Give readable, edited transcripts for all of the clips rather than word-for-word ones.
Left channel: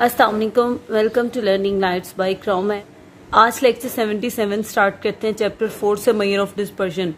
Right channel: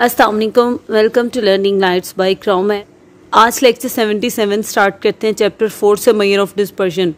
अस्सलाम वालेकुम, welcome to learning lights by क्राउम है। आज लेक्चर 77 स्टार्ट करते हैं चैप्टर 4 से मेजर ऑफ डिस्पर्शन।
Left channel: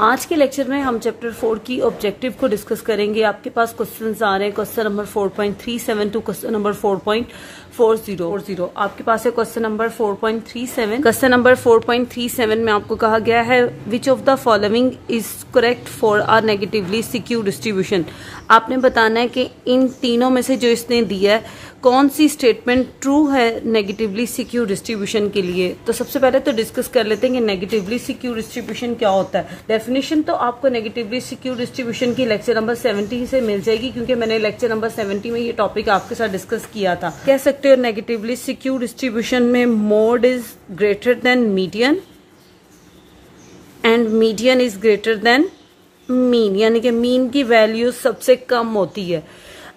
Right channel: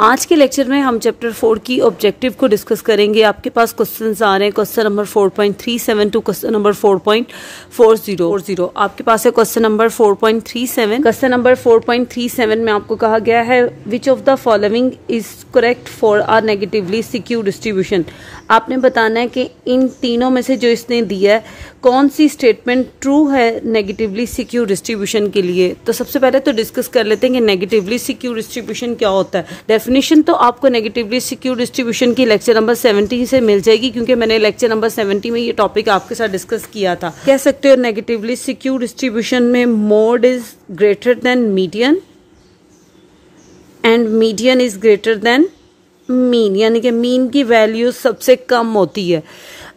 आज के लेक्चर में हम चैप्टर 4 की ऑब्जेक्टिव को डिस्कस करेंगे। आपके पास क्वेश्चंस आ रहे हैं question number 4.37 to question number 4.40। आपके पास है क्वेश्चन नंबर 4.37। क्वेश्चन नंबर 4.37 में आपको कहा गया है which of the following is correct for a negatively skewed distribution. आपने बताना है कि इन तीनों में से जो इसने दिया है कौन सी स्टेटमेंट ट्रू है नेगेटिवली सिक्यू डिस्ट्रीब्यूशन के लिए। तो सबसे पहले तो डिस्कस कर लेते हैं कि नेगेटिवली सिक्यू डिस्ट्रीब्यूशन क्या होता है। डेफिनेशन तो आपको नेगेटिवली सिक्यू डिस्ट्रीब्यूशन की लेक्चर नंबर 70 से मिल जाएगी, क्योंकि मैंने लेक्चर नंबर 70 में ये टॉपिक आपके साथ डिस्कस किया था। कह सकते हो नेगेटिवली सिक्यू डिस्ट्रीब्यूशन में mode is greater than median and median is greater then mean, यानी कि मीन की वैल्यू सबसे कम होती है।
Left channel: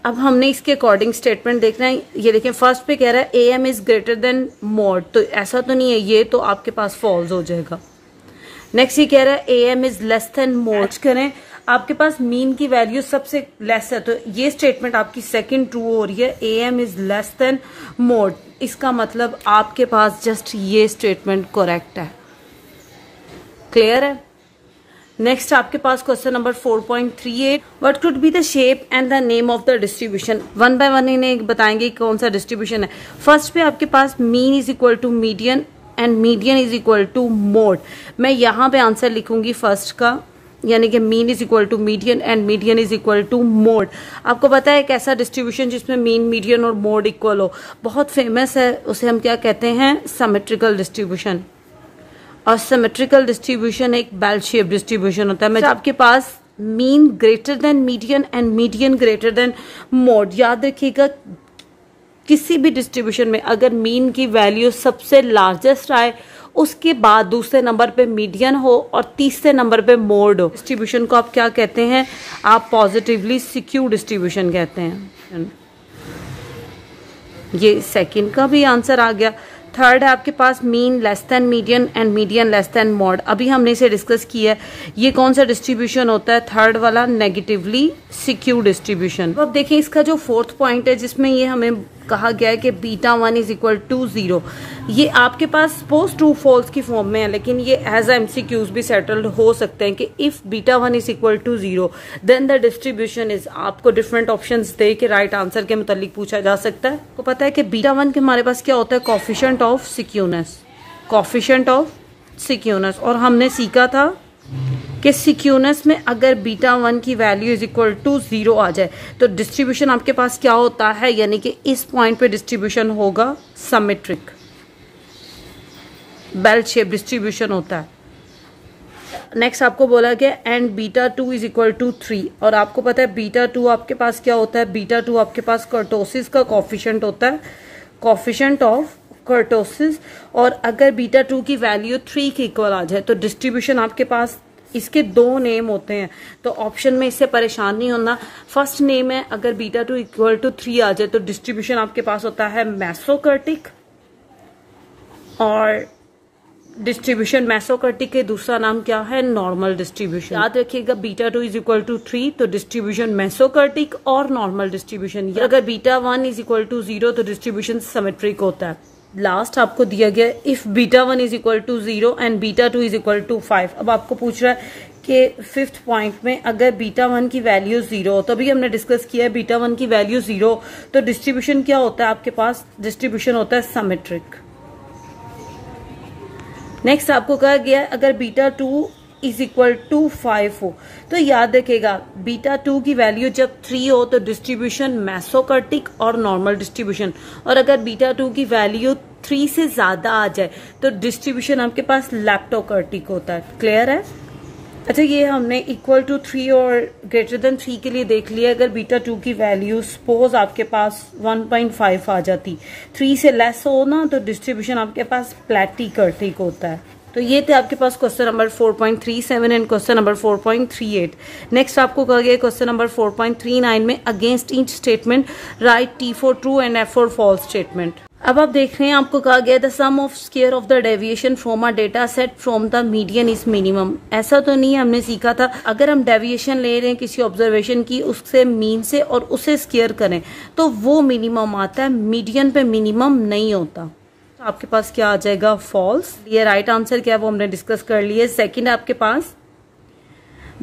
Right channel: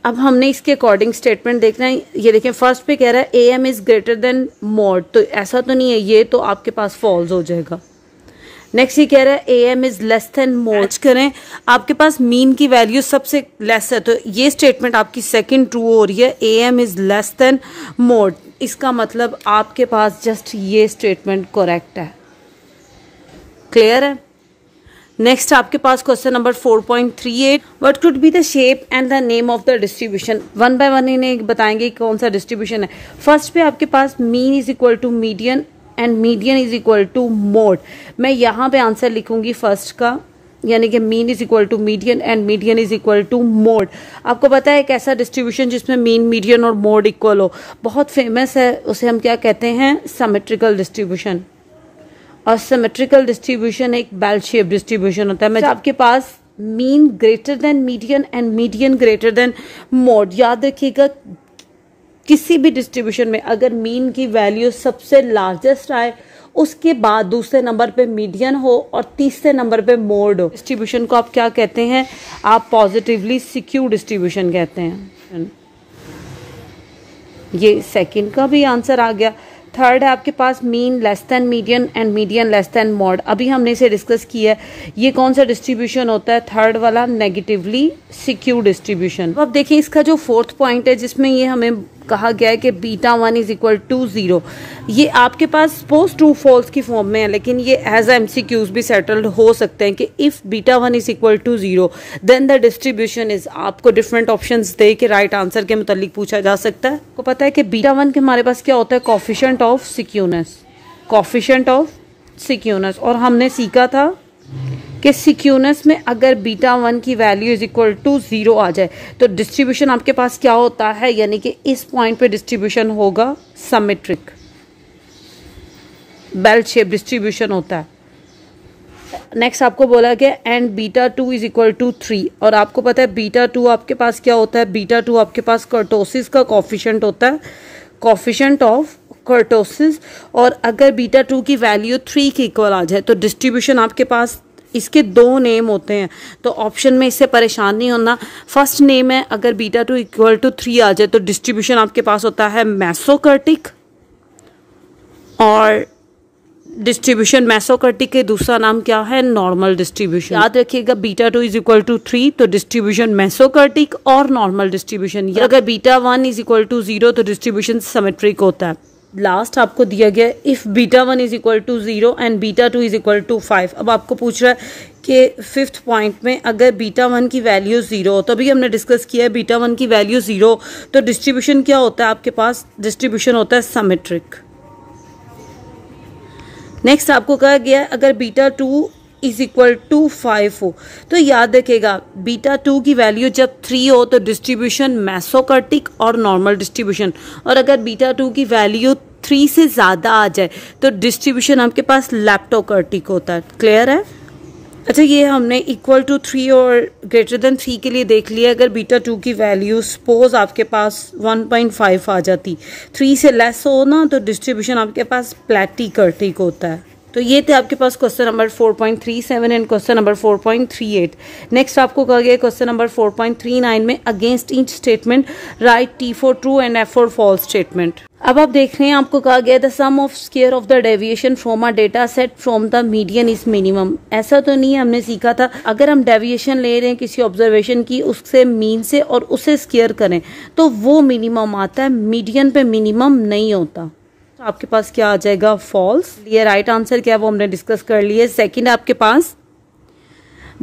अब हमने इसके अकॉर्डिंग स्टेटमेंट देखना है। ये देखें, फर्स्ट पे कह रहा है A M is greater than mode, तो ऐसा तो नहीं है, ये तो आपके पास फॉल्स हो जाएगा। नेक्स्ट ये कह रहा है A M is less than mode करें, आपके पास मीन की वैल्यू सबसे लेस है, तो ये स्टेटमेंट आपकी सेकंड ट्रू हो रही है, A M is less than mode. इसका मतलब आपके पास जस्ट ये स्टेटमेंट करेक्ट है। क्लियर है। नेक्स्ट आपके पास question number 4.38 what could be the shape and the name of the distribution. One by one इन्हें बताएंगे कौन सा डिस्ट्रीब्यूशन है। फर्स्ट पे आपके पास mean is equal to median and median is equal to mode. मैं यहाँ पे आंसर लिखूंगी फर्स्ट का, यानी कि mean is equal to median and median is equal to mode. आपको पता है एक ऐसा डिस्ट्रीब्यूशन जिसमें मीन मीडियन और मोड इक्वल हो, बहुत फेमस है, उसे हम क्या कहते हैं, सिमेट्रिकल डिस्ट्रीब्यूशन। और सिमेट्रिकल डिस्ट्रीब्यूशन एक बेल शेप डिस्ट्रीब्यूशन होता है। मैं आपके पास mean greater than median and median greater than mode. याद रखिएगा किसी भी डिस्ट्रीब्यूशन में अगर मीन की वैल्यू सबसे लार्जेस्ट आए, उसके बाद दूसरे नंबर पे मीडियन हो और तीसरे नंबर पे मोड हो, डिस्ट्रीब्यूशन को आप क्या कहते हैं, आप पॉजिटिवली सिक्यू डिस्ट्रीब्यूशन कहते हैं। ये सेकंड का भी आंसर आ गया। थर्ड है आपके पास mean less than median and median less than mode. अभी हमने इसे डिस्कस किया है। ये कौन सा डिस्ट्रीब्यूशन होता है, थर्ड वाला, नेगेटिवली सिक्यू डिस्ट्रीब्यूशन। अब देखिए इसका जो फोर्थ पॉइंट है जिसमें ये हमें कहा गया है कि बीटा 1 इज इक्वल टू 0, ये आपके पास सपोज ट्रू फॉल्स की फॉर्म में है, लेकिन ये एज एमसीक्यूज भी सेटल्ड हो सकते हैं कि if beta 1 is equal to 0 then the distribution is. आपको डिफरेंट ऑप्शंस दे के राइट आंसर के मुतालिक पूछा जा सकता है। आपको पता है कि बीटा 1 के हमारे पास क्या होता है, कोफिशिएंट ऑफ सिक्यूनेस, कोफिशिएंट ऑफ सिक्यूनेस। और हमने सीखा था कि सिक्यूनेस में अगर बीटा 1 की वैल्यू इज इक्वल टू 0 आ जाए तो डिस्ट्रीब्यूशन आपके पास क्या होता है, यानी कि इस पॉइंट पे डिस्ट्रीब्यूशन होगा सिमेट्रिक, बेल शेप डिस्ट्रीब्यूशन होता है। नेक्स्ट आपको बोला गया and beta 2 is equal to 3, और आपको पता है बीटा 2 आपके पास क्या होता है, बीटा 2 आपके पास कर्टोसिस का कोफिशिएंट होता है, कोफिशिएंट ऑफ कर्टोसिस। और अगर बीटा 2 की वैल्यू 3 के इक्वल आ जाए तो डिस्ट्रीब्यूशन आपके पास, इसके दो नेम होते हैं, तो ऑप्शन में इससे परेशान नहीं होना। फर्स्ट नेम है अगर बीटा 2 इक्वल टू 3 आ जाए तो डिस्ट्रीब्यूशन आपके पास होता है मेसोकर्टिक, और डिस्ट्रीब्यूशन मेसोकर्टिक के दूसरा नाम क्या है, नॉर्मल डिस्ट्रीब्यूशन। याद रखिएगा बीटा 2 इज इक्वल टू 3 तो डिस्ट्रीब्यूशन मेसोकर्टिक और नॉर्मल डिस्ट्रीब्यूशन। अगर बीटा 1 इज इक्वल टू 0 तो डिस्ट्रीब्यूशन सिमेट्रिक होता है। लास्ट आपको दिया गया if beta 1 is equal to 0 and beta 2 is equal to 5। अब आपको पूछ रहा है कि फिफ्थ पॉइंट में अगर बीटा 1 की वैल्यू 0 हो, तभी हमने डिस्कस किया है बीटा 1 की वैल्यू 0 तो डिस्ट्रीब्यूशन क्या होता है आपके पास, डिस्ट्रीब्यूशन होता है सिमेट्रिक। नेक्स्ट आपको कहा गया है अगर बीटा 2 इज इक्वल टू 5 हो, तो याद रखेगा बीटा 2 की वैल्यू जब 3 हो तो डिस्ट्रीब्यूशन मेसोकर्टिक और नॉर्मल डिस्ट्रीब्यूशन, और अगर बीटा 2 की वैल्यू 3 से ज्यादा आ जाए तो डिस्ट्रीब्यूशन आपके पास लेप्टोकर्टिक होता है। क्लियर है। अच्छा, ये हमने इक्वल टू 3 और ग्रेटर देन 3 के लिए देख लिया। अगर बीटा 2 की वैल्यू सपोज आपके पास 1.5 आ जाती, 3 से लेस हो ना, तो डिस्ट्रीब्यूशन आपके पास प्लैटिकर्टिक होता है। तो ये थे आपके पास question number 4.37 and question number 4.38। Next आपको कहा गया क्वेश्चन नंबर 4.39 में against each statement write T4 true and F4 false statement. अब आप देख रहे हैं आपको कहा गया the sum of square of the deviation from a data set from the median is minimum. ऐसा तो नहीं है, हमने सीखा था अगर हम डेविएशन ले रहे हैं किसी ऑब्जर्वेशन की उससे मीन से और उसे स्क्वायर करें तो वो मिनिमम आता है, मीडियन पे मिनिमम नहीं होता। तो आपके पास क्या आ जाएगा, फॉल्स। ये राइट आंसर क्या है वो हमने डिस्कस कर लिया। सेकेंड आपके पास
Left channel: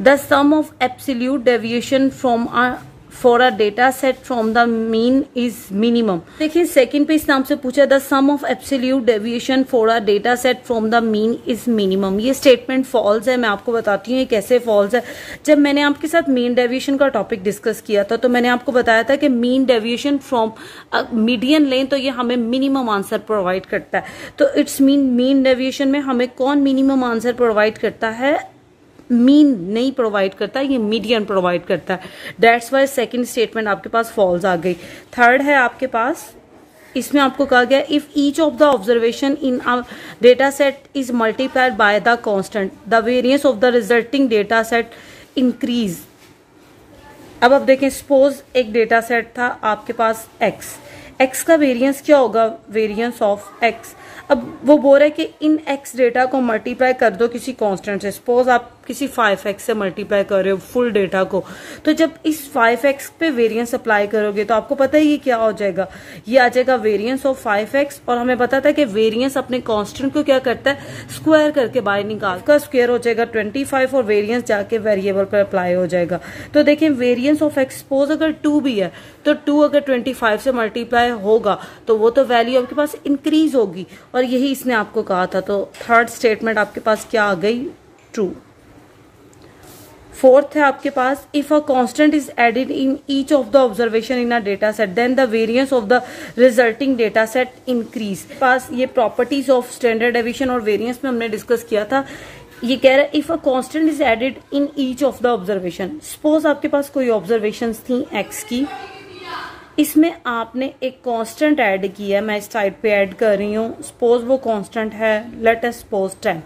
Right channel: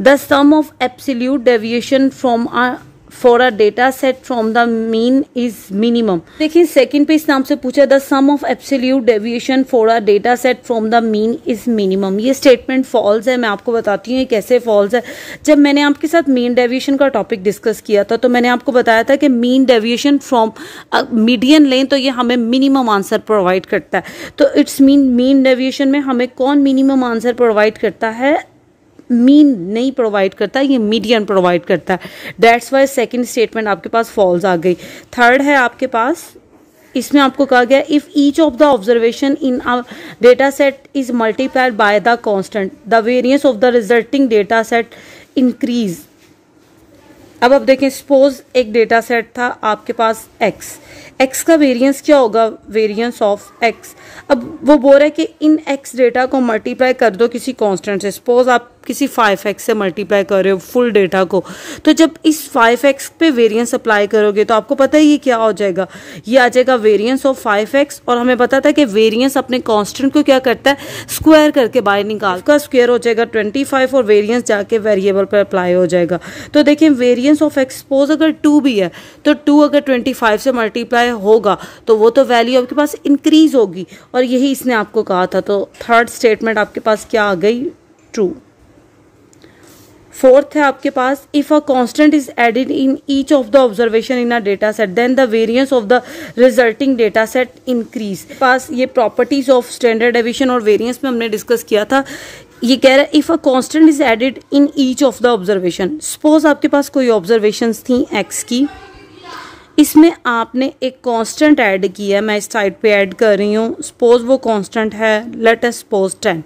the sum of absolute deviation from a for a data set from the mean is minimum. देखिए सेकंड पे इस नाम से पूछा the sum of absolute deviation for a data set from the mean is minimum. ये statement false है। मैं आपको बताती हूँ ये कैसे फॉल्स है। जब मैंने आपके साथ मीन डेविएशन का टॉपिक डिस्कस किया था तो मैंने आपको बताया था कि मीन डेविएशन फ्रॉम मीडियन लें तो ये हमें मिनिमम आंसर प्रोवाइड करता है। तो इट्स मीन डेविएशन में हमें कौन मिनिमम आंसर प्रोवाइड करता है, मीन नहीं प्रोवाइड करता, ये मीडियन प्रोवाइड करता है। दैट्स वाई सेकंड स्टेटमेंट आपके पास फॉल्स आ गई। थर्ड है आपके पास, इसमें आपको कहा गया if each of the observation in a data set is multiplied by the constant the variance of the resulting data set increase. अब आप देखें सपोज एक डेटा सेट था आपके पास एक्स का वेरिएंस क्या होगा, वेरिएंस ऑफ एक्स। अब वो बोल रहा है कि इन एक्स डेटा को मल्टीप्लाई कर दो किसी कांस्टेंट से। सपोज आप किसी 5x से मल्टीप्लाई कर रहे हो फुल डेटा को, तो जब इस 5x पे वेरिएंस अप्लाई करोगे तो आपको पता है ये क्या हो जाएगा, ये आ जाएगा वेरिएंस ऑफ 5x। और हमें पता था कि वेरिएंस अपने कांस्टेंट को क्या करता है, स्क्वायर करके बाहर निकाल का स्क्वायर हो जाएगा 25 और वेरिएंस जाके वेरिएबल पर अप्लाई हो जाएगा। तो देखें वेरिएंस ऑफ एक्स सपोज अगर 2 भी है तो 2 अगर 25 से मल्टीप्लाई होगा तो वो तो वैल्यू आपके पास इंक्रीज होगी, और यही इसने आपको कहा था। तो थर्ड स्टेटमेंट आपके पास क्या आ गई, ट्रू। फोर्थ है आपके पास if a constant is added in each of the observation in a data set then the variance of the resulting data set increase. पास ये प्रॉपर्टीज ऑफ स्टैंडर्ड डेविएशन और वेरिएंस में हमने डिस्कस किया था। ये कह रहा है if a constant is added in each of the observation. Suppose आपके पास कोई ऑब्जर्वेशंस थी एक्स की, इसमें आपने एक कांस्टेंट ऐड किया है, मैं इस साइड पे ऐड कर रही हूँ। सपोज वो कांस्टेंट है लेट अस सपोज 10।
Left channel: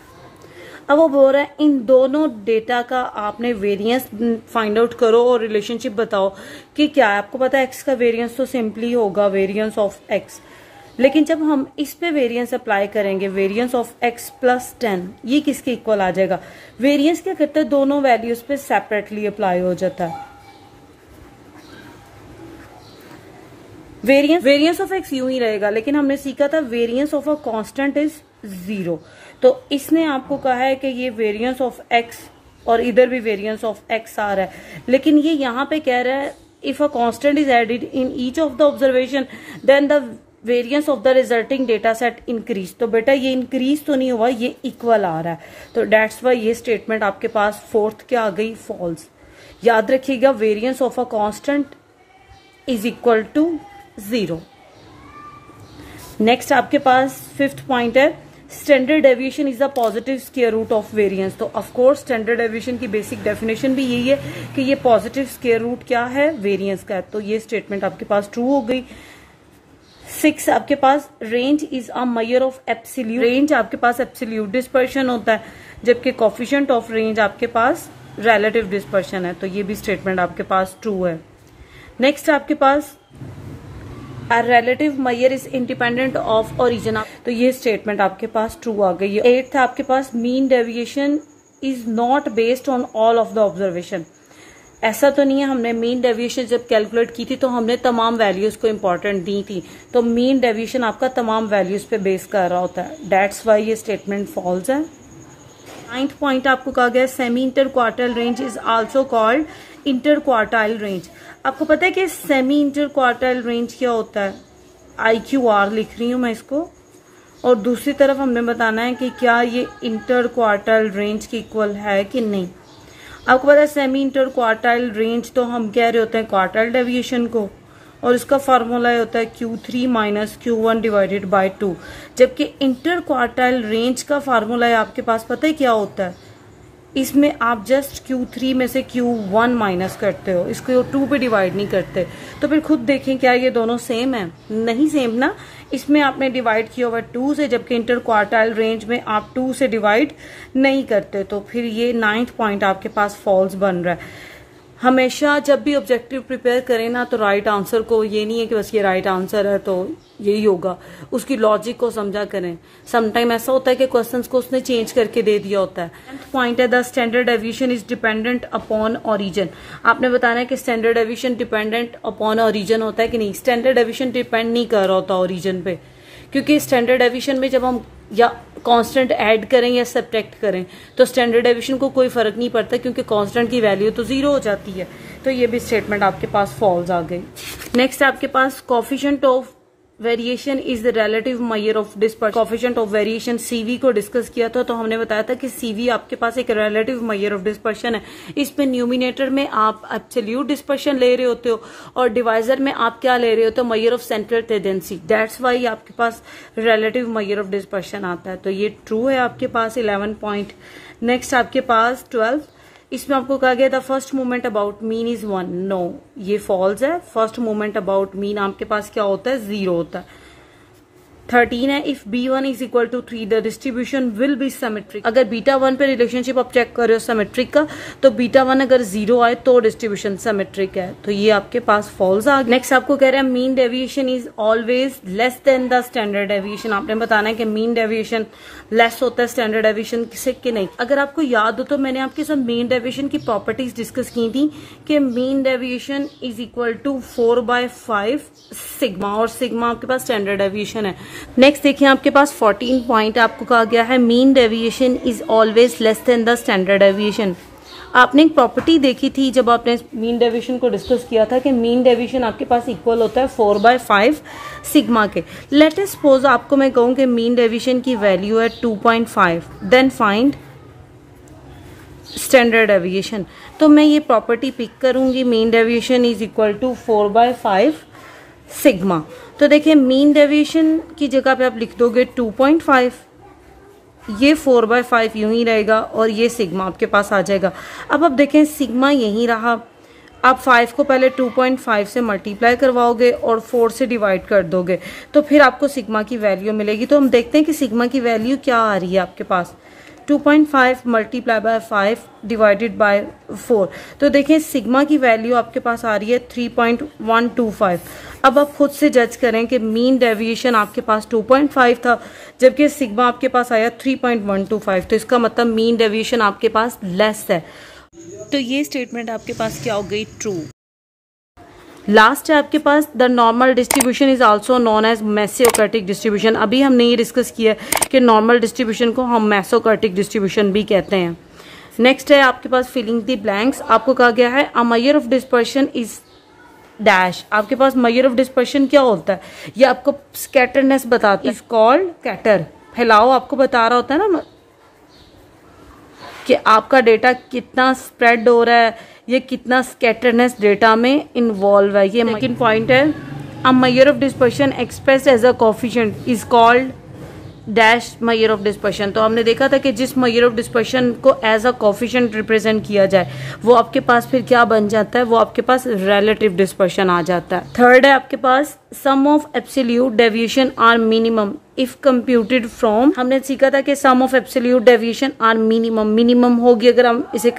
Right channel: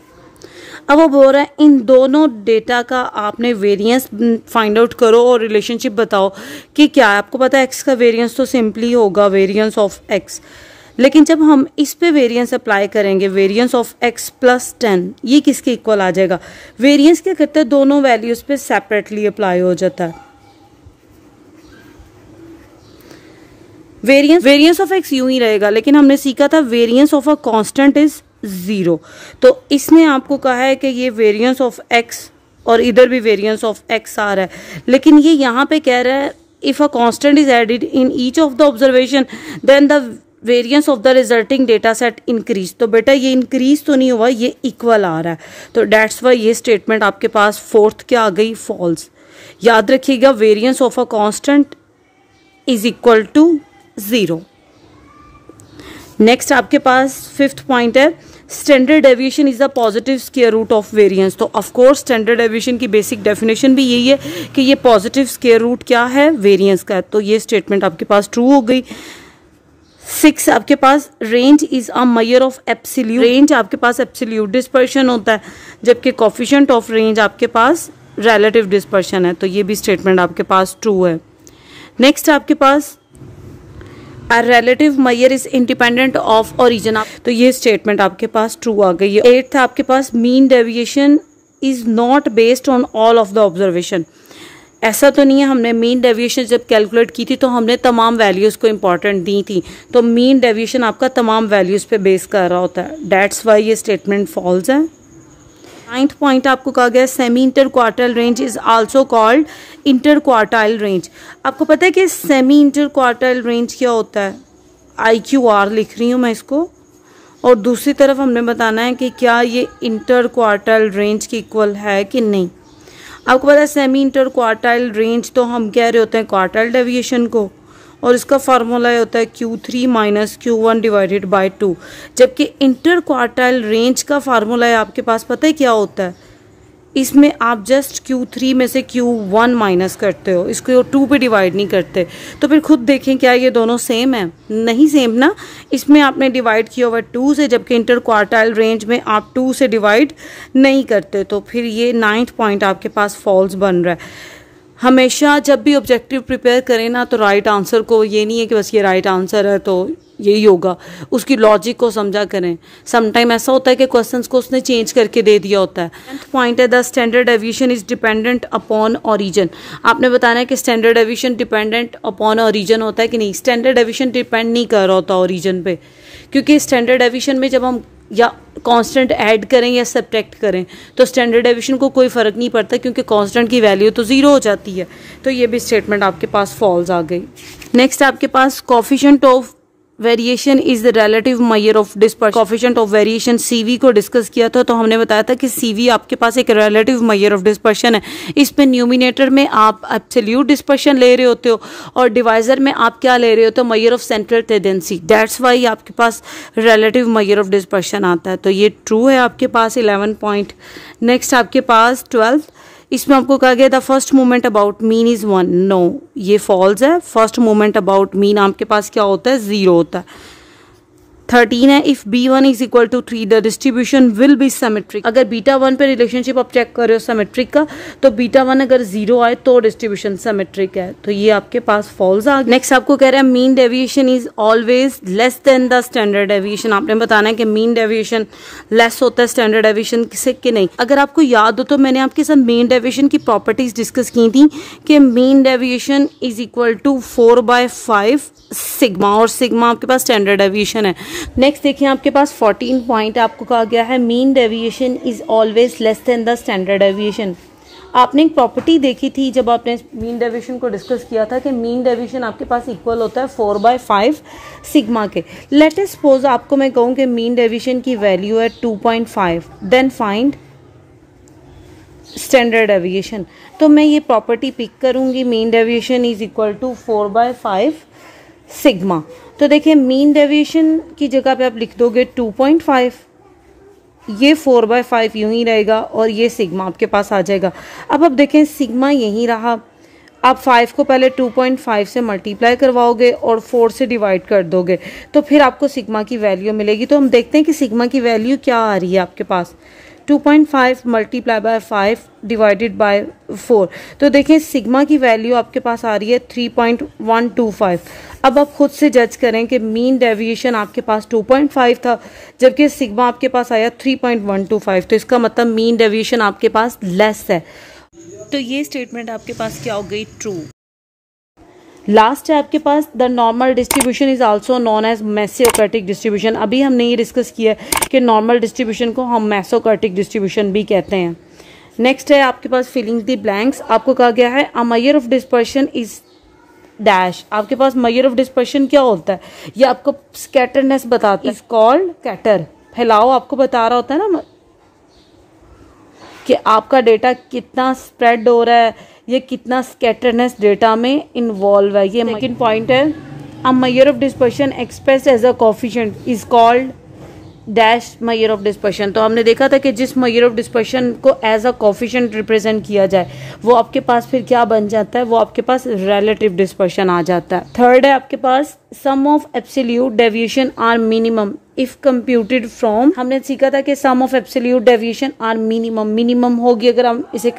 अब वो बोल रहा है इन दोनों डेटा का आपने वेरिएंस फाइंड आउट करो और रिलेशनशिप बताओ कि क्या है। आपको पता है एक्स का वेरिएंस तो सिंपली होगा वेरिएंस ऑफ एक्स, लेकिन जब हम इस पे वेरिएंस अप्लाई करेंगे वेरिएंस ऑफ एक्स प्लस 10, ये किसके इक्वल आ जाएगा। वेरिएंस क्या करता है, दोनों वैल्यूज पे सेपरेटली अप्लाई हो जाता है। वेरिएंस ऑफ एक्स यूं ही रहेगा, लेकिन हमने सीखा था variance of a constant is 0। तो इसने आपको कहा है कि ये वेरिएंस ऑफ एक्स और इधर भी वेरिएंस ऑफ एक्स आ रहा है, लेकिन ये यहाँ पे कह रहा है if a constant is added in each of the observation then the variance of the resulting data set increase. तो बेटा ये इंक्रीज तो नहीं हुआ, ये इक्वल आ रहा है। तो डेट्स वाई ये स्टेटमेंट आपके पास फोर्थ क्या आ गई, फॉल्स। याद रखिएगा variance of a constant is equal to 0। Next आपके पास फिफ्थ पॉइंट है standard deviation is the positive square root of variance. तो ऑफ कोर्स स्टैंडर्ड डेविएशन की बेसिक डेफिनेशन भी यही है कि ये पॉजिटिव स्क्वायर रूट क्या है, वेरिएंस का है। तो ये स्टेटमेंट आपके पास ट्रू हो गई। 6 आपके पास range is a measure of absolute. Range आपके पास एब्सोल्यूट डिस्पर्शन होता है, जबकि कोफिशिएंट ऑफ रेंज आपके पास रिलेटिव डिस्पर्शन है। तो ये भी स्टेटमेंट आपके पास ट्रू है। नेक्स्ट आपके पास A relative measure is independent of origin। तो ये स्टेटमेंट आपके पास ट्रू आ गई है। 8th आपके पास mean deviation is not based on all of the observation. ऐसा तो नहीं है, हमने मीन डेविएशन जब कैलकुलेट की थी तो हमने तमाम वैल्यूज को इंपॉर्टेंट दी थी। तो मीन डेविएशन आपका तमाम वैल्यूज पे बेस कर रहा होता है। डेट्स वाई ये स्टेटमेंट फॉल्स है। 9th पॉइंट आपको कहा गया semi inter quartile range is also called inter quartile range. आपको पता है कि सेमी इंटर क्वार्टाइल रेंज क्या होता है, IQR लिख रही हूँ मैं इसको, और दूसरी तरफ हमने बताना है कि क्या ये इंटर क्वार्टाइल रेंज के इक्वल है कि नहीं। आपको पता है सेमी इंटर क्वार्टाइल रेंज तो हम कह रहे होते हैं क्वार्टाइल डेविएशन को, और इसका फार्मूला होता है Q3 minus Q1 divided by 2, जबकि इंटर क्वार्टाइल रेंज का फार्मूला है आपके पास पता है क्या होता है, इसमें आप जस्ट Q3 में से Q1 माइनस करते हो, इसको 2 पे डिवाइड नहीं करते। तो फिर खुद देखें क्या ये दोनों सेम है, नहीं सेम ना। इसमें आपने डिवाइड किया हुआ 2 से, जबकि इंटर क्वार्टाइल रेंज में आप 2 से डिवाइड नहीं करते। तो फिर ये 9th पॉइंट आपके पास फॉल्स बन रहा है। हमेशा जब भी ऑब्जेक्टिव प्रिपेयर करें ना तो राइट आंसर को, ये नहीं है कि बस ये राइट आंसर है तो यही होगा, उसकी लॉजिक को समझा करें। समटाइम ऐसा होता है कि क्वेश्चंस को उसने चेंज करके दे दिया होता है। पॉइंट है the standard deviation is dependent upon origin. आपने बताना है कि standard deviation dependent upon origin होता है कि नहीं। स्टैंडर्ड डेविएशन डिपेंड नहीं कर रहा होता ओरिजिन पे, क्योंकि स्टैंडर्ड डेविएशन में जब हम या कांस्टेंट ऐड करें या सब्ट्रैक्ट करें तो स्टैंडर्ड डेविएशन को कोई फर्क नहीं पड़ता, क्योंकि कांस्टेंट की वैल्यू तो जीरो हो जाती है। तो ये भी स्टेटमेंट आपके पास फॉल्स आ गई। नेक्स्ट आपके पास coefficient of variation is the relative measure of dispersion. Coefficient of variation CV को डिस्कस किया था, तो हमने बताया था कि सीवी आपके पास एक रिलेटिव मेजर ऑफ डिस्पर्शन है। इसमें न्यूमिनेटर में आप एब्सोल्यूट डिस्पर्शन ले रहे होते हो और डिवाइजर में आप क्या ले रहे होते हो, measure of central tendency. That's why आपके पास रिलेटिव मेजर ऑफ डिस्पर्शन आता है। तो ये ट्रू है आपके पास 11 पॉइंट। नेक्स्ट आपके पास 12, इसमें आपको कहा गया the first moment about mean is 1। No, ये फॉल्स है। फर्स्ट मोमेंट अबाउट मीन आपके पास क्या होता है, 0 होता है। 13 है if B1 is equal to 3 the distribution will be symmetric. अगर β1 पे रिलेशनशिप आप चेक कर रहे हो सिमेट्रिक का, तो β1 अगर 0 आए तो डिस्ट्रीब्यूशन सिमेट्रिक है। तो ये आपके पास फॉल्स आ गया। नेक्स्ट आपको कह रहा है mean deviation is always less than the standard deviation. आपने बताना है कि मीन डेविएशन लेस होता है स्टैंडर्ड डेविएशन से कि नहीं। अगर आपको याद हो तो मैंने आपके साथ मीन डेविएशन की प्रॉपर्टीज डिस्कस की थी कि mean deviation is equal to 4/5 sigma, और सिग्मा आपके पास स्टैंडर्ड डेविएशन है। नेक्स्ट देखिए आपके पास 14 पॉइंट आपको कहा गया है mean deviation is always less than the standard deviation. आपने एक प्रॉपर्टी देखी थी जब आपने मीन डेविएशन को डिस्कस किया था कि मीन डेविएशन आपके पास इक्वल होता है 4/5 सिग्मा के। लेट अस सपोज आपको मैं कहूं कि मीन डेविएशन की वैल्यू है 2.5, देन फाइंड स्टैंडर्ड डेविएशन। तो मैं ये प्रॉपर्टी पिक करूंगी, mean deviation is equal to 4/5 sigma. तो देखिए मीन डेविएशन की जगह पे आप लिख दोगे 2.5, ये 4/5 यूं ही रहेगा और ये सिग्मा आपके पास आ जाएगा। अब आप देखें सिग्मा यहीं रहा, आप 5 को पहले 2.5 से मल्टीप्लाई करवाओगे और 4 से डिवाइड कर दोगे तो फिर आपको सिग्मा की वैल्यू मिलेगी। तो हम देखते हैं कि सिग्मा की वैल्यू क्या आ रही है आपके पास, 2.5 मल्टीप्लाई बाय 5 डिवाइडेड बाय 4। तो देखें सिग्मा की वैल्यू आपके पास आ रही है 3.125। अब आप खुद से जज करें कि मीन डेविएशन आपके पास 2.5 था जबकि सिग्मा आपके पास आया 3.125, तो इसका मतलब मीन डेविएशन आपके पास लेस है। तो ये स्टेटमेंट आपके पास क्या हो गई, ट्रू। लास्ट है आपके पास the normal distribution is also known as mesokurtic distribution. अभी हमने ये डिस्कस किया कि नॉर्मल डिस्ट्रीब्यूशन को हम मेसोकर्टिक डिस्ट्रीब्यूशन भी कहते हैं। नेक्स्ट है आपके पास फिलिंग द ब्लैंक्स। आपको कहा गया है a measure of dispersion is dash. आपके पास मेजर ऑफ डिस्पर्शन क्या होता है, ये आपको स्कैटरनेस बताता है, इज कॉल्ड स्कैटर। फैलाव आपको बता रहा होता है ना कि आपका डेटा कितना स्प्रेड हो रहा है, ये कितना स्कैटरनेस डेटा में इन्वॉल्व है। ये सेकंड पॉइंट है a measure of dispersion expressed as a coefficient is called dash measure of dispersion. तो हमने देखा था कि जिस मेजर ऑफ डिस्पर्शन को एज अ कोएफिशिएंट रिप्रेजेंट किया जाए वो आपके पास फिर क्या बन जाता है, वो आपके पास रिलेटिव डिस्पर्शन आ जाता है। थर्ड है आपके पास sum of absolute deviation are minimum if computed from. हमने सीखा था कि sum of absolute deviation are minimum, minimum होगी अगर हम इसे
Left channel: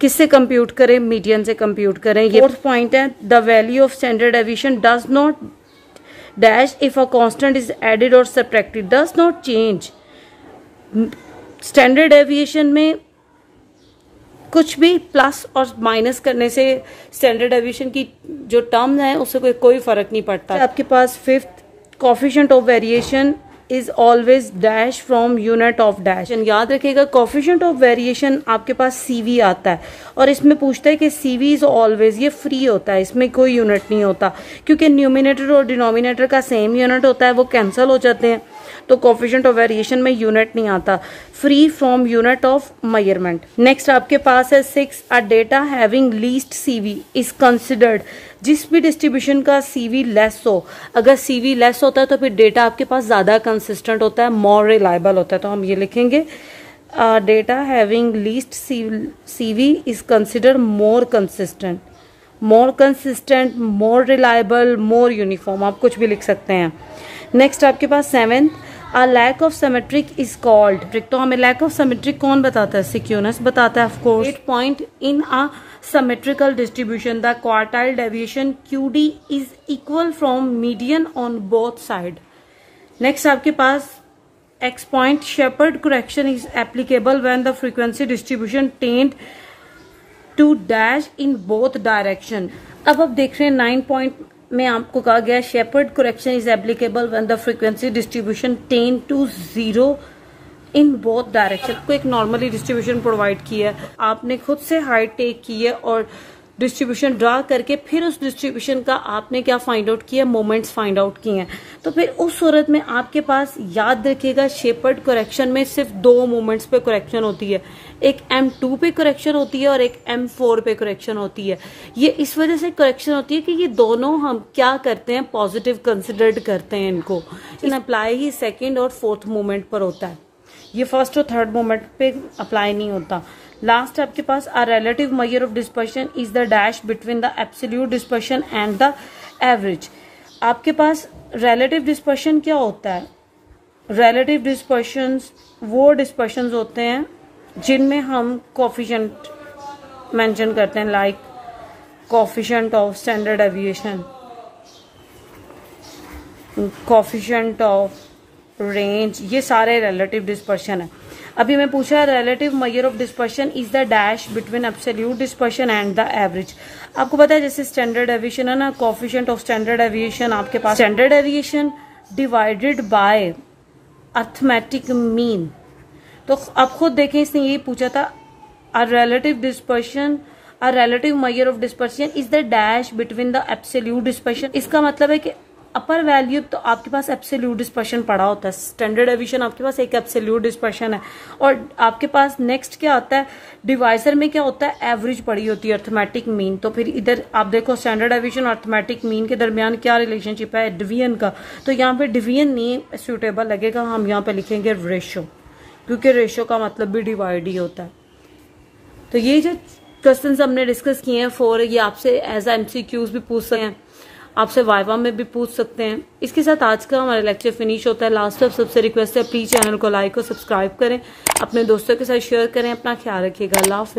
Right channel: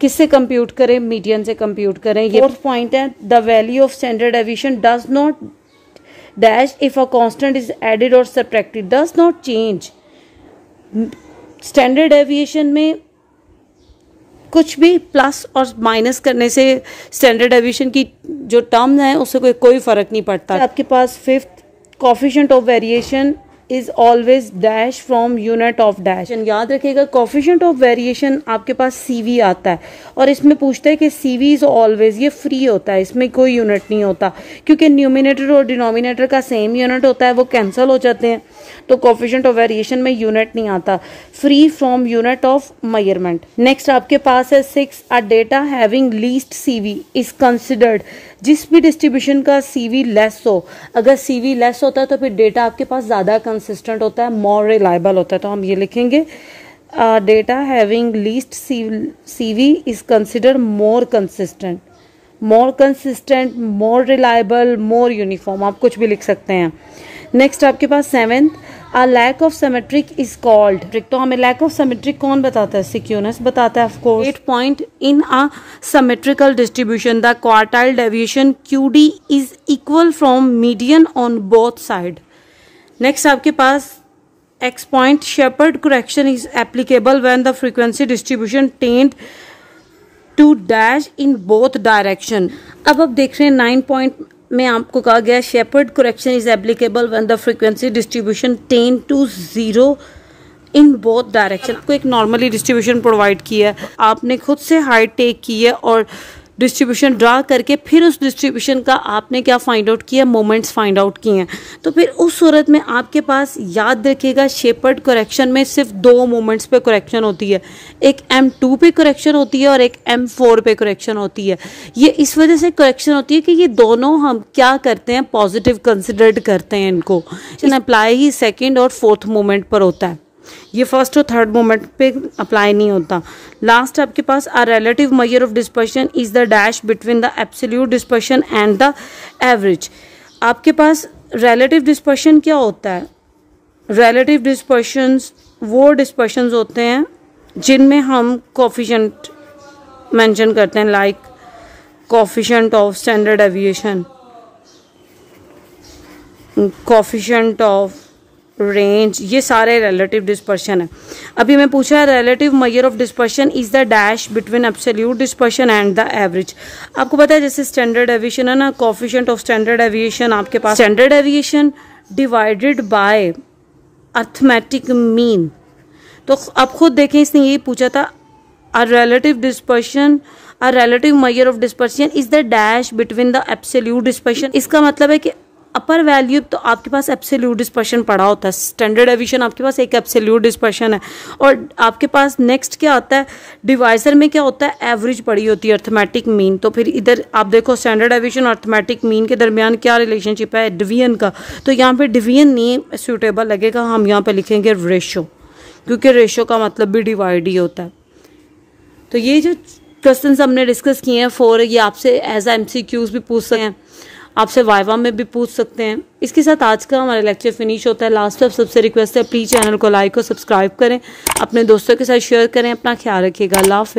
किससे कंप्यूट करें, मीडियन से कंप्यूट करें। फोर्थ पॉइंट है the value of standard deviation does not dash if a constant is added or subtracted does not change। Standard deviation में कुछ भी प्लस और माइनस करने से स्टैंडर्ड डेविएशन की जो टर्म है उससे कोई फर्क नहीं पड़ता। आपके पास fifth coefficient of variation is always dash from unit of dash. याद रखिएगा कोएफिशिएंट ऑफ वेरिएशन आपके पास सीवी आता है और इसमें पूछता है कि सीवी इज ऑलवेज, ये फ्री होता है, इसमें कोई यूनिट नहीं होता क्योंकि न्यूमिनेटर और डिनोमिनेटर का सेम यूनिट होता है, वो कैंसिल हो जाते हैं। तो कोएफिशिएंट ऑफ वेरिएशन में यूनिट नहीं आता, free from unit of measurement. Next आपके पास है 6 a data having least CV is considered. जिस भी डिस्ट्रीब्यूशन का सीवी लेस हो, अगर सीवी लेस होता है तो फिर डेटा आपके पास ज्यादा कंसिस्टेंट होता है, मोर रिलायबल होता है। तो हम ये लिखेंगे data having least CV is consider more consistent, more reliable, more uniform, आप कुछ भी लिख सकते हैं। नेक्स्ट आपके पास 7 A lack of symmetric is called, तो हमें lack of symmetric कौन बताता है? सिक्योनस बताता है of course. 8 point in a symmetrical distribution the quartile deviation QD is equal from median on both side. Next आपके पास X point Shepard correction is applicable when the frequency distribution tend to dash in both direction. अब आप देख रहे हैं 9 point में आपको कहा गया Sheppard correction is applicable when the frequency distribution tend to 0 in both direction. आपको एक नॉर्मली डिस्ट्रीब्यूशन प्रोवाइड किया है, आपने खुद से हाइट टेक की है और डिस्ट्रीब्यूशन ड्रा करके फिर उस डिस्ट्रीब्यूशन का आपने क्या फाइंड आउट किया? मोमेंट्स फाइंड आउट किए हैं. तो फिर उस सूरत में आपके पास याद रखिएगा शेपर्ड करेक्शन में सिर्फ 2 मोमेंट्स पे करेक्शन होती है, एक M2 पे करेक्शन होती है और एक M4 पे करेक्शन होती है. ये इस वजह से करेक्शन होती है कि ये दोनों हम क्या करते हैं? पॉजिटिव कंसिडर्ड करते हैं इनको. अप्लाई ही सेकेंड और फोर्थ मोमेंट पर होता है, ये फर्स्ट और थर्ड मोमेंट पे अप्लाई नहीं होता. लास्ट आपके पास a relative measure of dispersion is the dash between the absolute dispersion and the average. आपके पास रिलेटिव डिस्पर्शन क्या होता है? रिलेटिव डिस्पर्शंस वो डिस्पर्शंस होते हैं जिनमें हम कोफिशिएंट मेंशन करते हैं, like coefficient of standard deviation, coefficient of range, ये सारे रिलेटिव डिस्पर्शन है. अभी मैं पूछा relative measure of dispersion is the dash between absolute dispersion and the average. आपको पता है जैसे स्टैंडर्ड डेविएशन है ना, कोफिशिएंट ऑफ स्टैंडर्ड डेविएशन आपके पास standard deviation divided by arithmetic mean. तो आप खुद देखें, इसने ये पूछा था a relative dispersion, a relative measure of dispersion is the dash between the absolute dispersion. इसका मतलब है कि अपर वैल्यू तो आपके पास एब्सोल्यूट डिस्पर्शन पड़ा होता है, स्टैंडर्ड डेविएशन आपके पास एक एब्सोल्यूट डिस्पर्शन है, और आपके पास नेक्स्ट क्या आता है? डिवाइजर में क्या होता है? एवरेज पड़ी होती है, अर्थमेटिक मीन. तो फिर इधर आप देखो स्टैंडर्ड डेविएशन और अर्थमेटिक मीन के दरमियान क्या रिलेशनशिप है? डिवीजन का. तो यहाँ पे डिवीजन नहीं सूटेबल लगेगा, हम यहाँ पे लिखेंगे रेशो, क्योंकि रेशो का मतलब भी डिवाइड ही होता है. तो ये जो क्वेश्चन हमने डिस्कस किए हैं 4, ये आपसे एज MCQs भी पूछ सकते हैं, आपसे वाइवा में भी पूछ सकते हैं. इसके साथ आज का हमारा लेक्चर फिनिश होता है. लास्ट ऑफ सबसे रिक्वेस्ट है प्लीज चैनल को लाइक और सब्सक्राइब करें, अपने दोस्तों के साथ शेयर करें. अपना ख्याल रखिएगा. अल्लाह हाफिज़.